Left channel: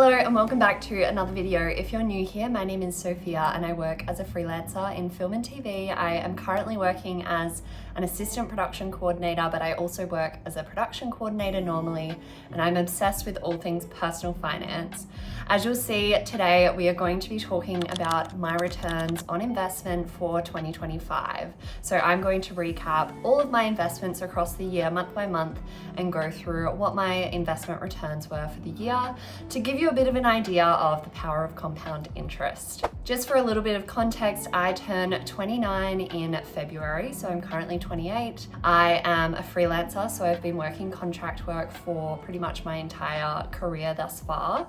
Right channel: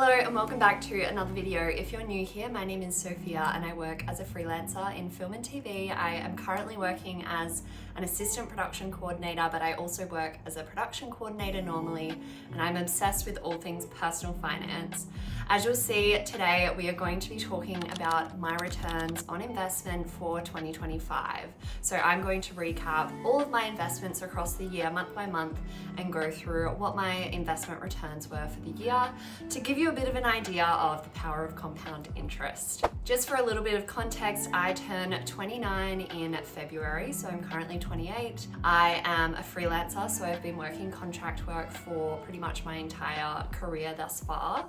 Hello and welcome back to another video. If you're new here, my name is Sophia and I work as a freelancer in film and TV. I am currently working as an assistant production coordinator, but I also work as a production coordinator normally, and I'm obsessed with all things personal finance. As you'll see today, we are going to be talking about my returns on investment for 2025. So I'm going to recap all of my investments across the year, month by month, and go through what my investment returns were for the year to give you a bit of an idea of the power of compound interest. Just for a little bit of context, I turn 29 in February, so I'm currently 28. I am a freelancer, so I've been working contract work for pretty much my entire career thus far.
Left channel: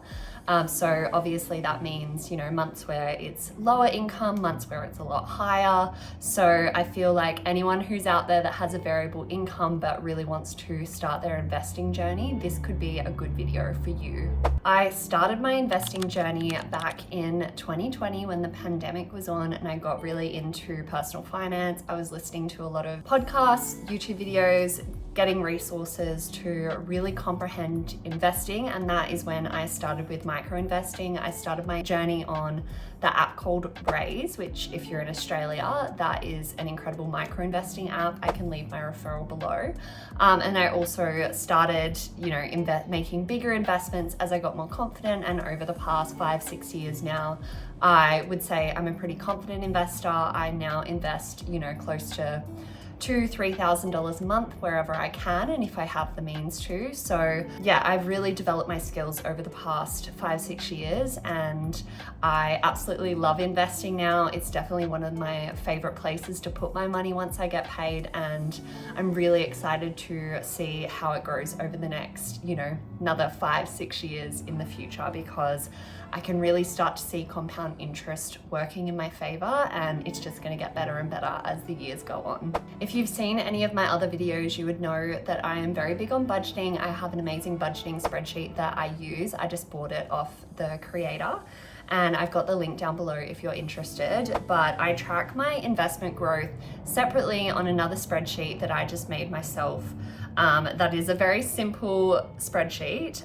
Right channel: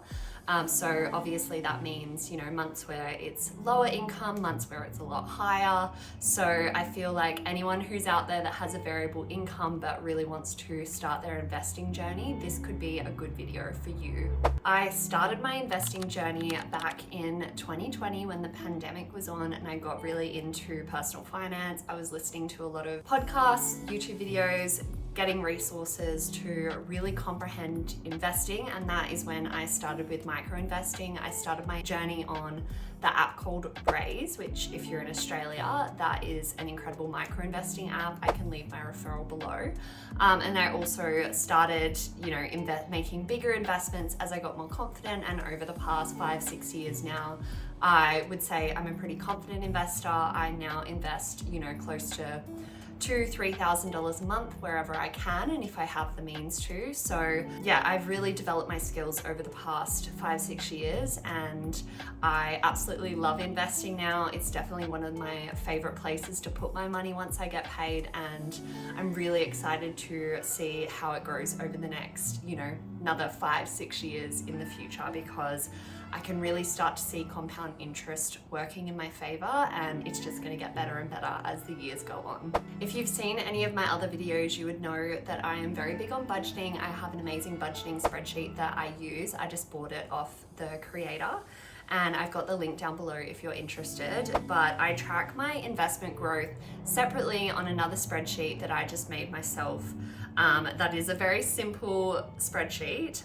So obviously that means, months where it's lower income, months where it's a lot higher. So I feel like anyone who's out there that has a variable income but really wants to start their investing journey, this could be a good video for you. I started my investing journey back in 2020 when the pandemic was on and I got really into personal finance. I was listening to a lot of podcasts, YouTube videos, getting resources to really comprehend investing, and that is when I started with micro investing. I started my journey on the app called Raiz, which if you're in Australia, that is an incredible micro investing app. I can leave my referral below. And I also started, making bigger investments as I got more confident, and over the past 5-6 years now, I would say I'm a pretty confident investor. I now invest, close to $2,000-$3,000 a month wherever I can and if I have the means to. So yeah, I've really developed my skills over the past 5-6 years and I absolutely love investing now. It's definitely one of my favorite places to put my money once I get paid, and I'm really excited to see how it grows over the next, another 5-6 years in the future, because I can really start to see compound interest working in my favor, and it's just going to get better and better as the years go on. If you've seen any of my other videos, you would know that I am very big on budgeting. I have an amazing budgeting spreadsheet that I use. I just bought it off the creator, and I've got the link down below if you're interested. But I track my investment growth separately on another spreadsheet that I just made myself. That is a very simple spreadsheet,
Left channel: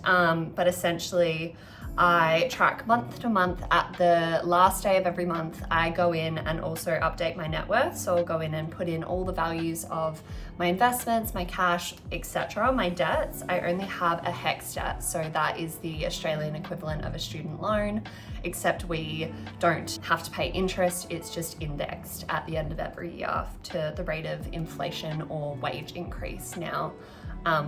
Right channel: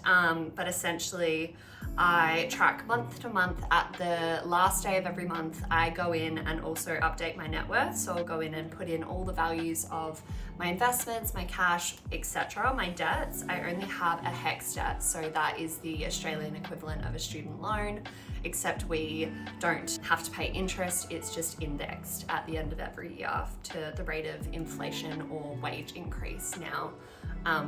but essentially I track month to month. At the last day of every month, I go in and also update my net worth. So I'll go in and put in all the values of my investments, my cash, etc. My debts, I only have a HEX debt. So that is the Australian equivalent of a student loan, except we don't have to pay interest. It's just indexed at the end of every year to the rate of inflation or wage increase now,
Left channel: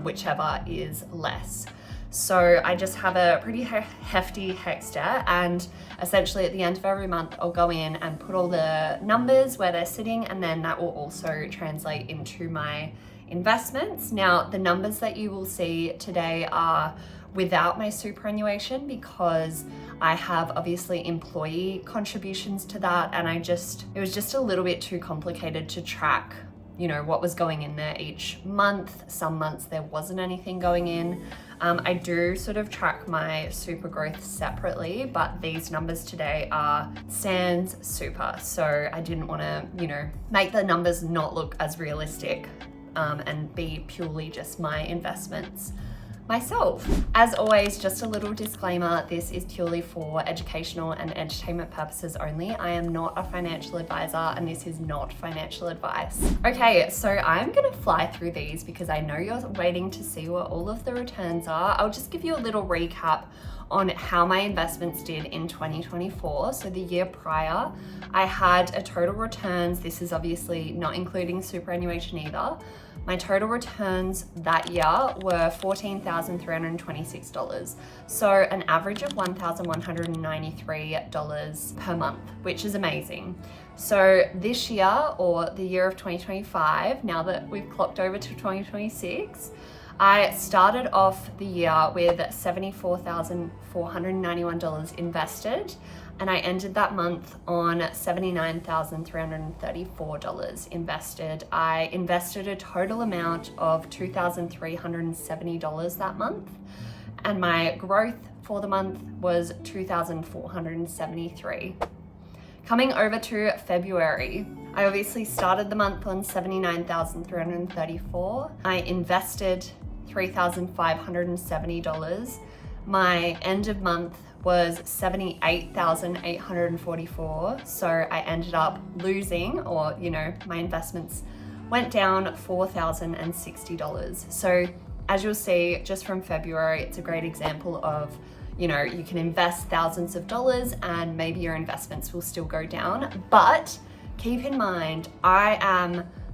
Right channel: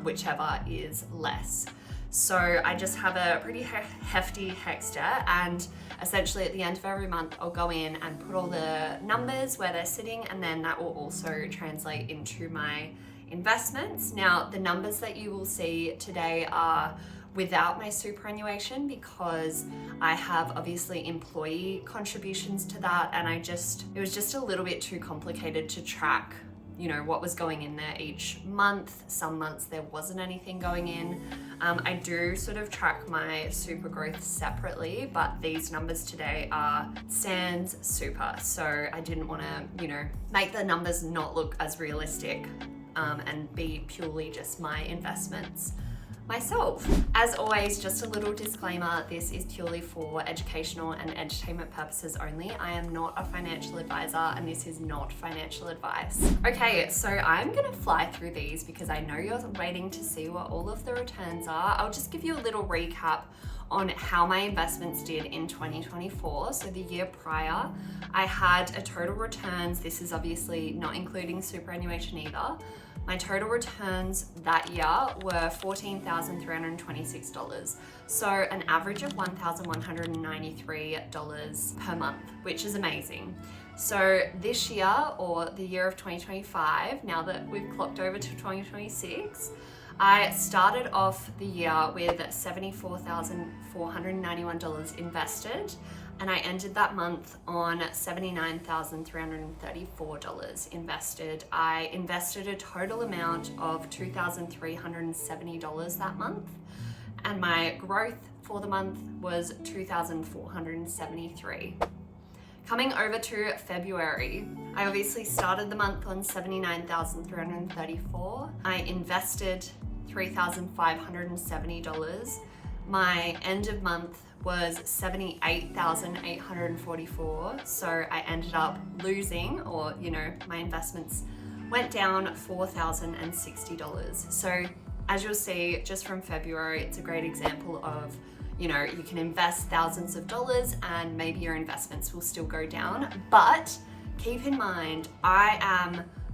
whichever is less. So I just have a pretty hefty HEX debt, and essentially at the end of every month I'll go in and put all the numbers where they're sitting, and then that will also translate into my investments. Now the numbers that you will see today are without my superannuation, because I have obviously employee contributions to that, and it was just a little bit too complicated to track what was going in there each month. Some months there wasn't anything going in. I do sort of track my super growth separately, but these numbers today are sans super. So I didn't want to, make the numbers not look as realistic and be purely just my investments myself. As always, just a little disclaimer, this is purely for educational and entertainment purposes only. I am not a financial advisor and this is not financial advice. Okay, so I'm gonna fly through these because I know you're waiting to see what all of the returns are. I'll just give you a little recap on how my investments did in 2024. So the year prior, I had a total returns, this is obviously not including superannuation either. My total returns that year were $14,326. So an average of $1,193 per month, which is amazing. So this year, or the year of 2025, now that we've clocked over to 2026, I started off the year with $74,491 invested, and I ended that month on $79,334 invested. I invested a total amount of $2,370 that month, and my growth for the month was $2,473. Coming over to February, I obviously started the month on $79,334. I invested $3,570. My end of month was 78,844. So I ended up losing, or my investments went down $4,060. So as you'll see, just from February, it's a great example of, you can invest thousands of dollars and maybe your investments will still go down. But keep in mind,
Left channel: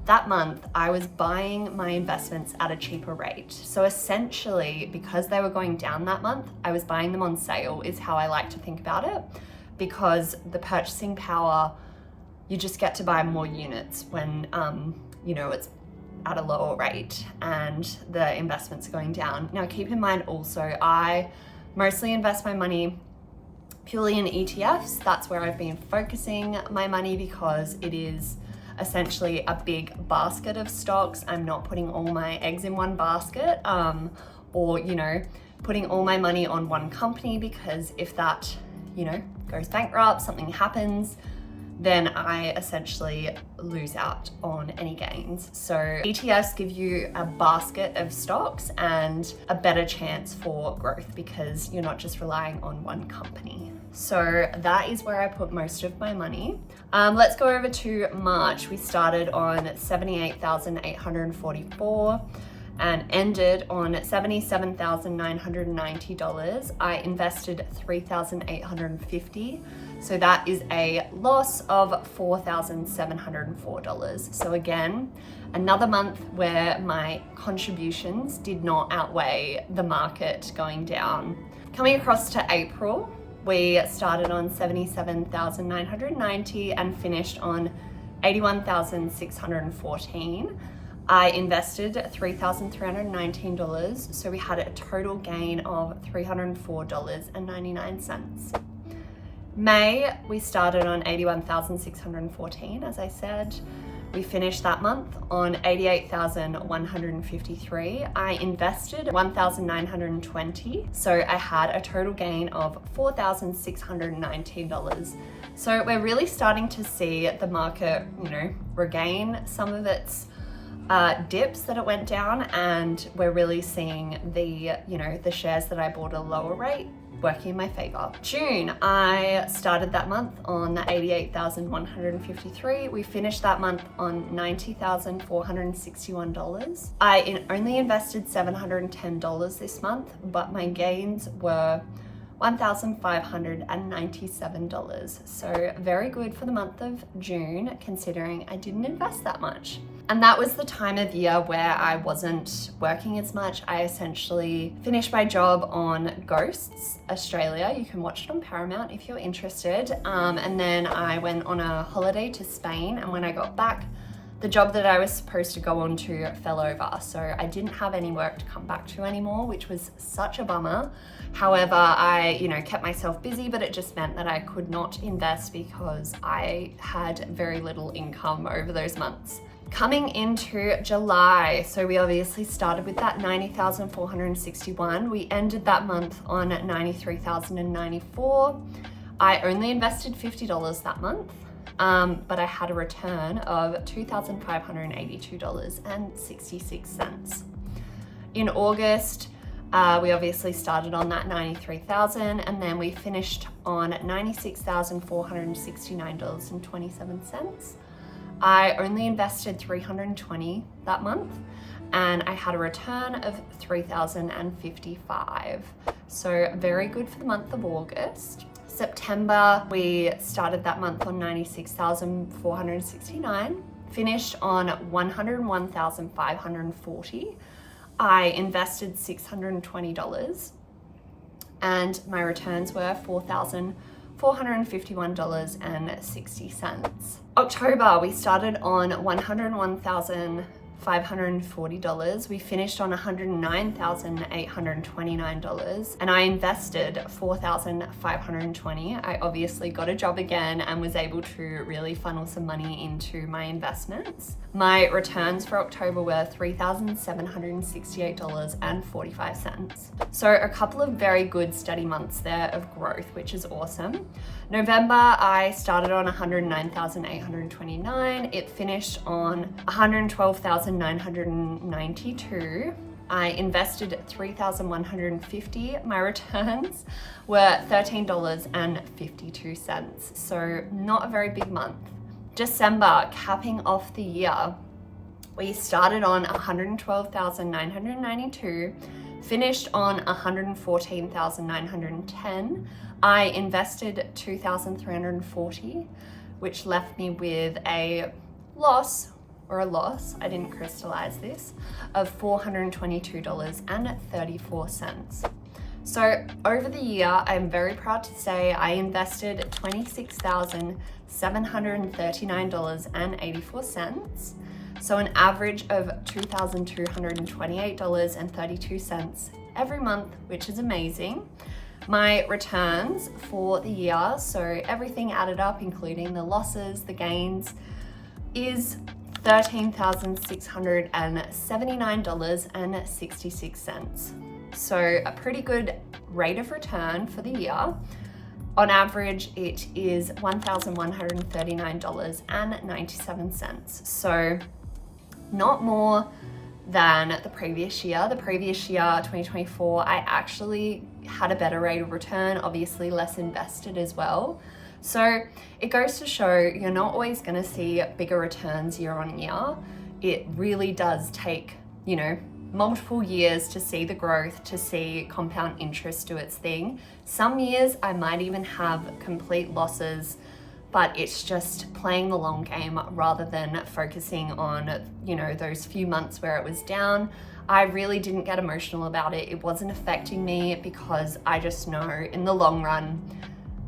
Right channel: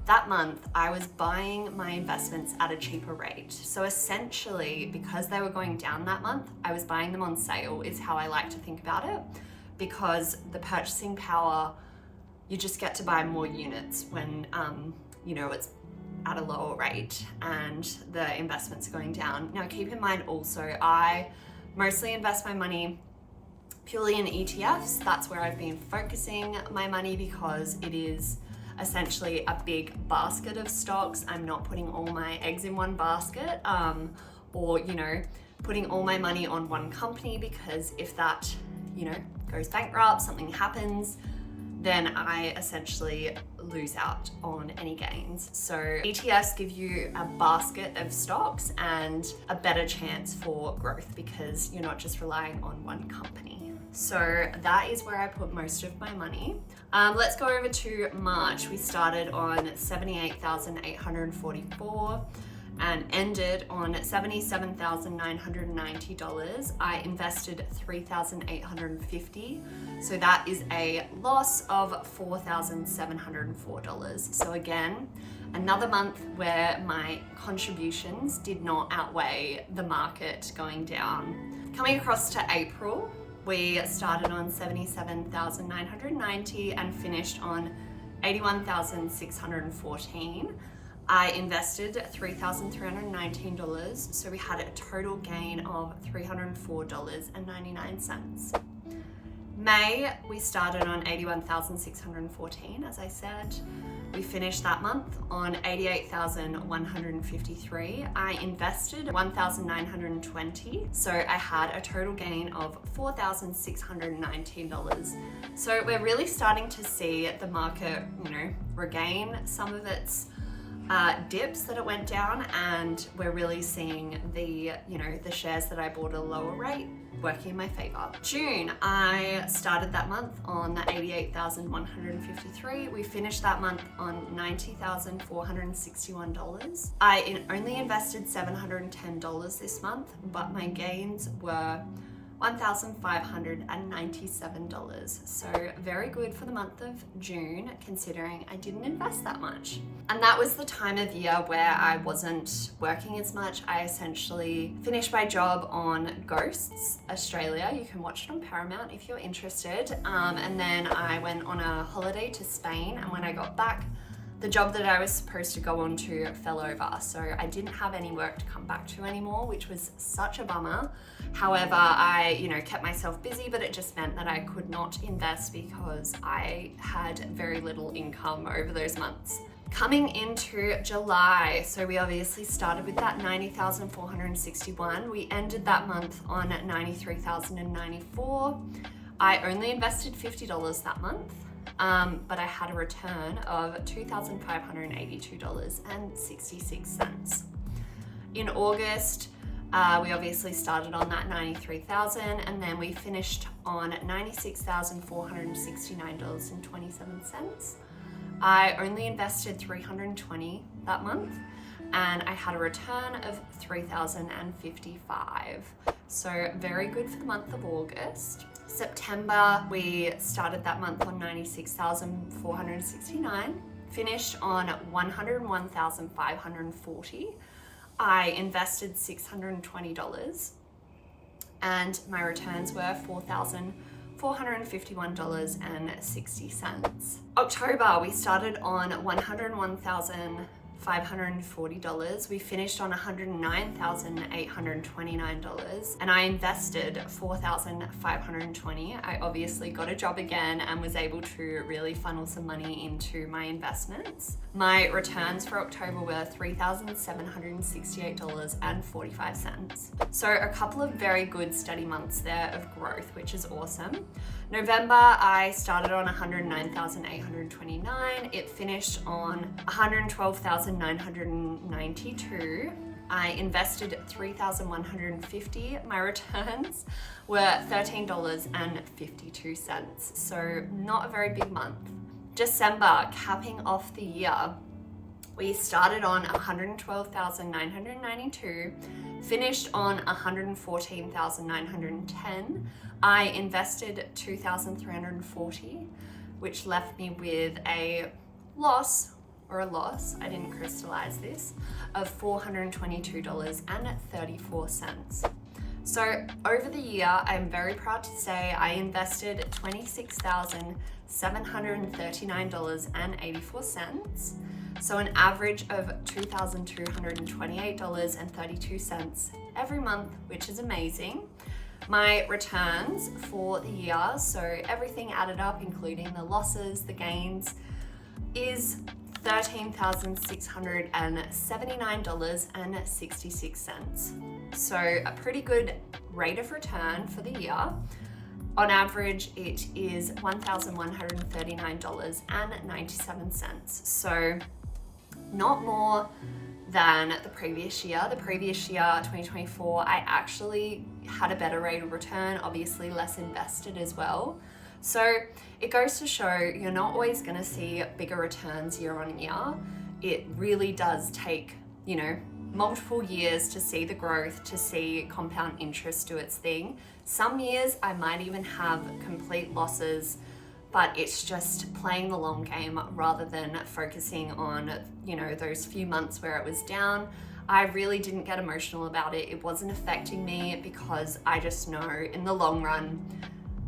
that month, I was buying my investments at a cheaper rate. So essentially, because they were going down that month, I was buying them on sale, is how I like to think about it. Because the purchasing power, you just get to buy more units when, it's at a lower rate and the investments are going down. Now, keep in mind also, I mostly invest my money purely in ETFs. That's where I've been focusing my money because it is essentially a big basket of stocks. I'm not putting all my eggs in one basket or putting all my money on one company, because if that goes bankrupt, something happens, then I essentially lose out on any gains. So ETFs give you a basket of stocks and a better chance for growth because you're not just relying on one company. So that is where I put most of my money. Let's go over to March. We started on 78,844 and ended on $77,990. I invested $3,850. So that is a loss of $4,704. So again, another month where my contributions did not outweigh the market going down. Coming across to April, we started on 77,990 and finished on 81,614. I invested $3,319, so we had a total gain of $304.99. May, we started on 81,614, as I said. We finished that month on 88,153. I invested $1,920, so I had a total gain of $4,619. So we're really starting to see the market, regain some of its dips that it went down, and we're really seeing the shares that I bought at a lower rate working in my favor. June, I started that month on 88,153. We finished that month on $90,461. I only invested $710 this month, but my gains were $1,597. So very good for the month of June, considering I didn't invest that much. And that was the time of year where I wasn't working as much. I essentially finished my job on Ghosts Australia. You can watch it on Paramount if you're interested. And then I went on a holiday to Spain, and when I got back, the job that I was supposed to go on to fell over. So I didn't have any work to come back to anymore, which was such a bummer. However, I, kept myself busy, but it just meant that I could not invest because I had very little income over those months. Coming into July, so we obviously started with that 90,461. We ended that month on 93,094. I only invested $50 that month. But I had a return of $2,582.66. In August, we obviously started on that 93,000, and then we finished on $96,469.27. I only invested $320 that month, and I had a return of $3,055. So very good for the month of August. September, we started that month on 96,469, finished on 101,540. I invested $620 and my returns were $4,451.60. October, we started on $101,540. We finished on $109,829, and I invested $4,520. I obviously got a job again and was able to really funnel some money into my investments. My returns for October were $3,768.45. So a couple of very good steady months there of growth, which is awesome. November, I started on $109,829. It finished on $112,992. I invested $3,150. My returns were $13.52. So not a very big month. December, capping off the year, we started on 112,992, finished on 114,910. I invested 2,340, which left me with a loss, I didn't crystallize this, of $422.34. So over the year, I'm very proud to say I invested $26,739.84. So an average of $2,228.32 every month, which is amazing. My returns for the year, so everything added up, including the losses, the gains, is $13,679.66. So a pretty good rate of return for the year. On average, it is $1,139.97. So not more than the previous year. The previous year, 2024, I actually had a better rate of return, obviously less invested as well. So it goes to show you're not always going to see bigger returns year on year. It really does take, multiple years to see the growth, to see compound interest do its thing. Some years I might even have complete losses, but it's just playing the long game rather than focusing on, those few months where it was down. I really didn't get emotional about it. It wasn't affecting me because I just know in the long run,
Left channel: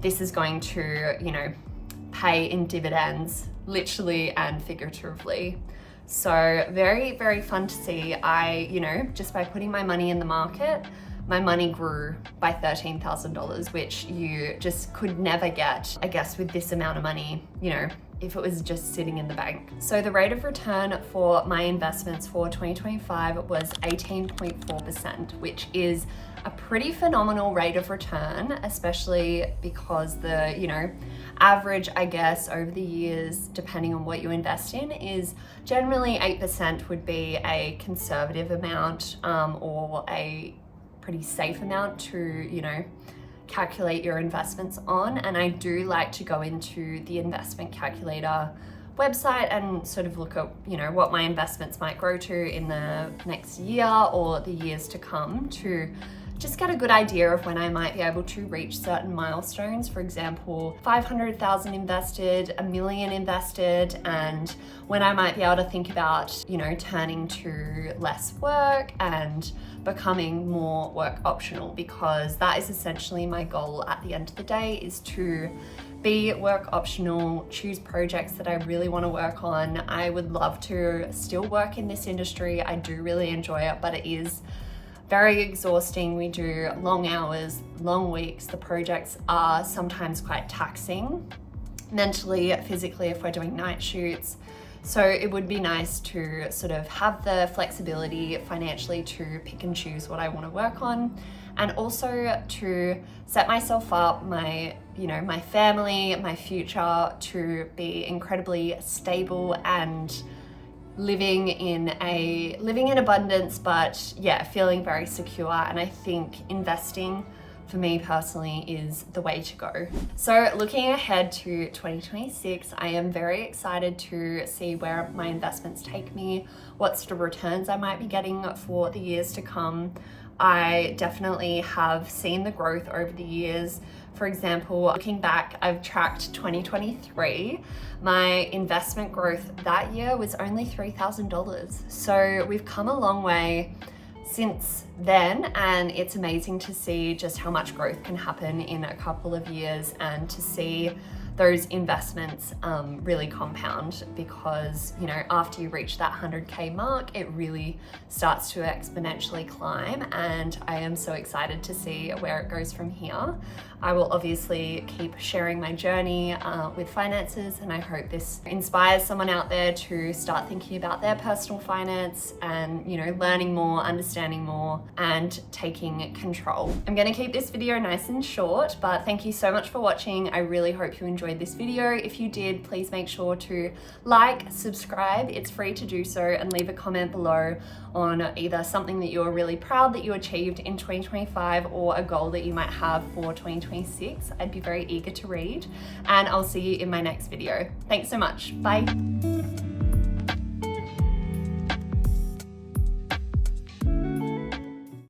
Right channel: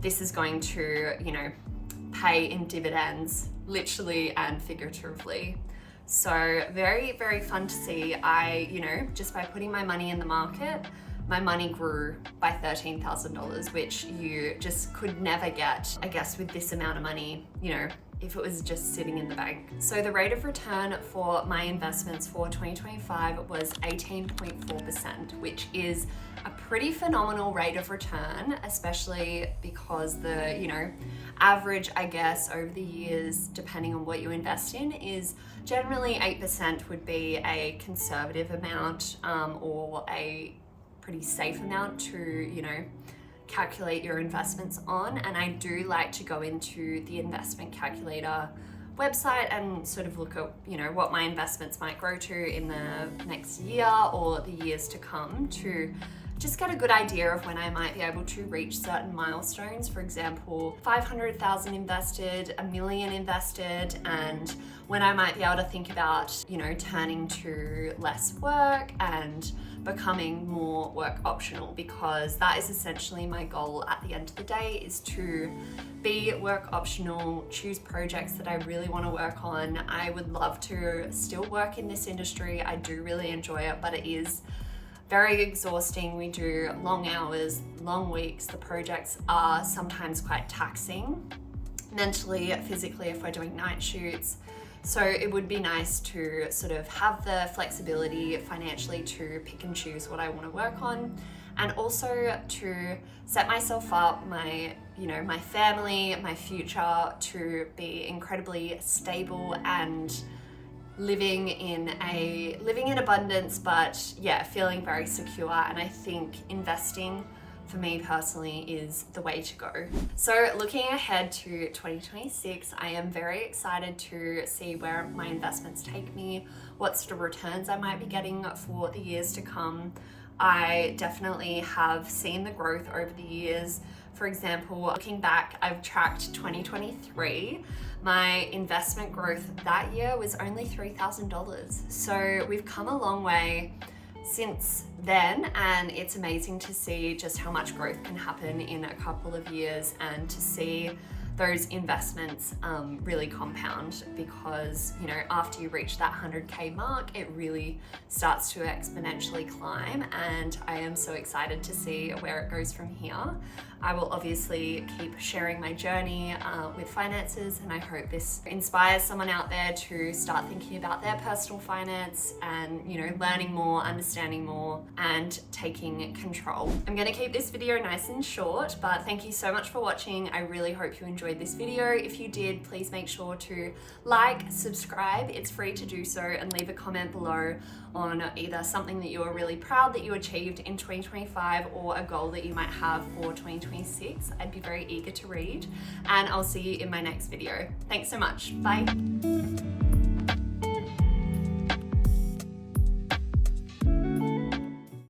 this is going to, pay in dividends, literally and figuratively. So very, very fun to see. Just by putting my money in the market, my money grew by $13,000, which you just could never get, I guess, with this amount of money, if it was just sitting in the bank. So the rate of return for my investments for 2025 was 18.4%, which is a pretty phenomenal rate of return, especially because the, average, I guess, over the years, depending on what you invest in, is generally 8% would be a conservative amount, or a pretty safe amount to, calculate your investments on. And I do like to go into the investment calculator website and sort of look at, what my investments might grow to in the next year or the years to come, to just get a good idea of when I might be able to reach certain milestones. For example, 500,000 invested, $1 million invested, and when I might be able to think about, turning to less work and becoming more work optional, because that is essentially my goal at the end of the day, is to be work optional, choose projects that I really want to work on. I would love to still work in this industry. I do really enjoy it, but it is very exhausting. We do long hours, long weeks. The projects are sometimes quite taxing mentally, physically, if we're doing night shoots. So it would be nice to sort of have the flexibility financially to pick and choose what I want to work on, and also to set myself up, my family, my future, to be incredibly stable and living in abundance, but feeling very secure. And I think investing, for me personally, is the way to go. So looking ahead to 2026, I am very excited to see where my investments take me, what sort of returns I might be getting for the years to come. I definitely have seen the growth over the years. For example, looking back, I've tracked 2023. My investment growth that year was only $3,000. So we've come a long way since then, and it's amazing to see just how much growth can happen in a couple of years, and to see those investments really compound, because after you reach that 100K mark, it really starts to exponentially climb, and I am so excited to see where it goes from here. I will obviously keep sharing my journey with finances, and I hope this inspires someone out there to start thinking about their personal finance and, you know, learning more, understanding more, and taking control. I'm gonna keep this video nice and short, but thank you so much for watching. I really hope you enjoyed this video. If you did, please make sure to like, subscribe, it's free to do so, and leave a comment below on either something that you're really proud that you achieved in 2025 or a goal that you might have for 2026. I'd be very eager to read, and I'll see you in my next video. Thanks so much. Bye.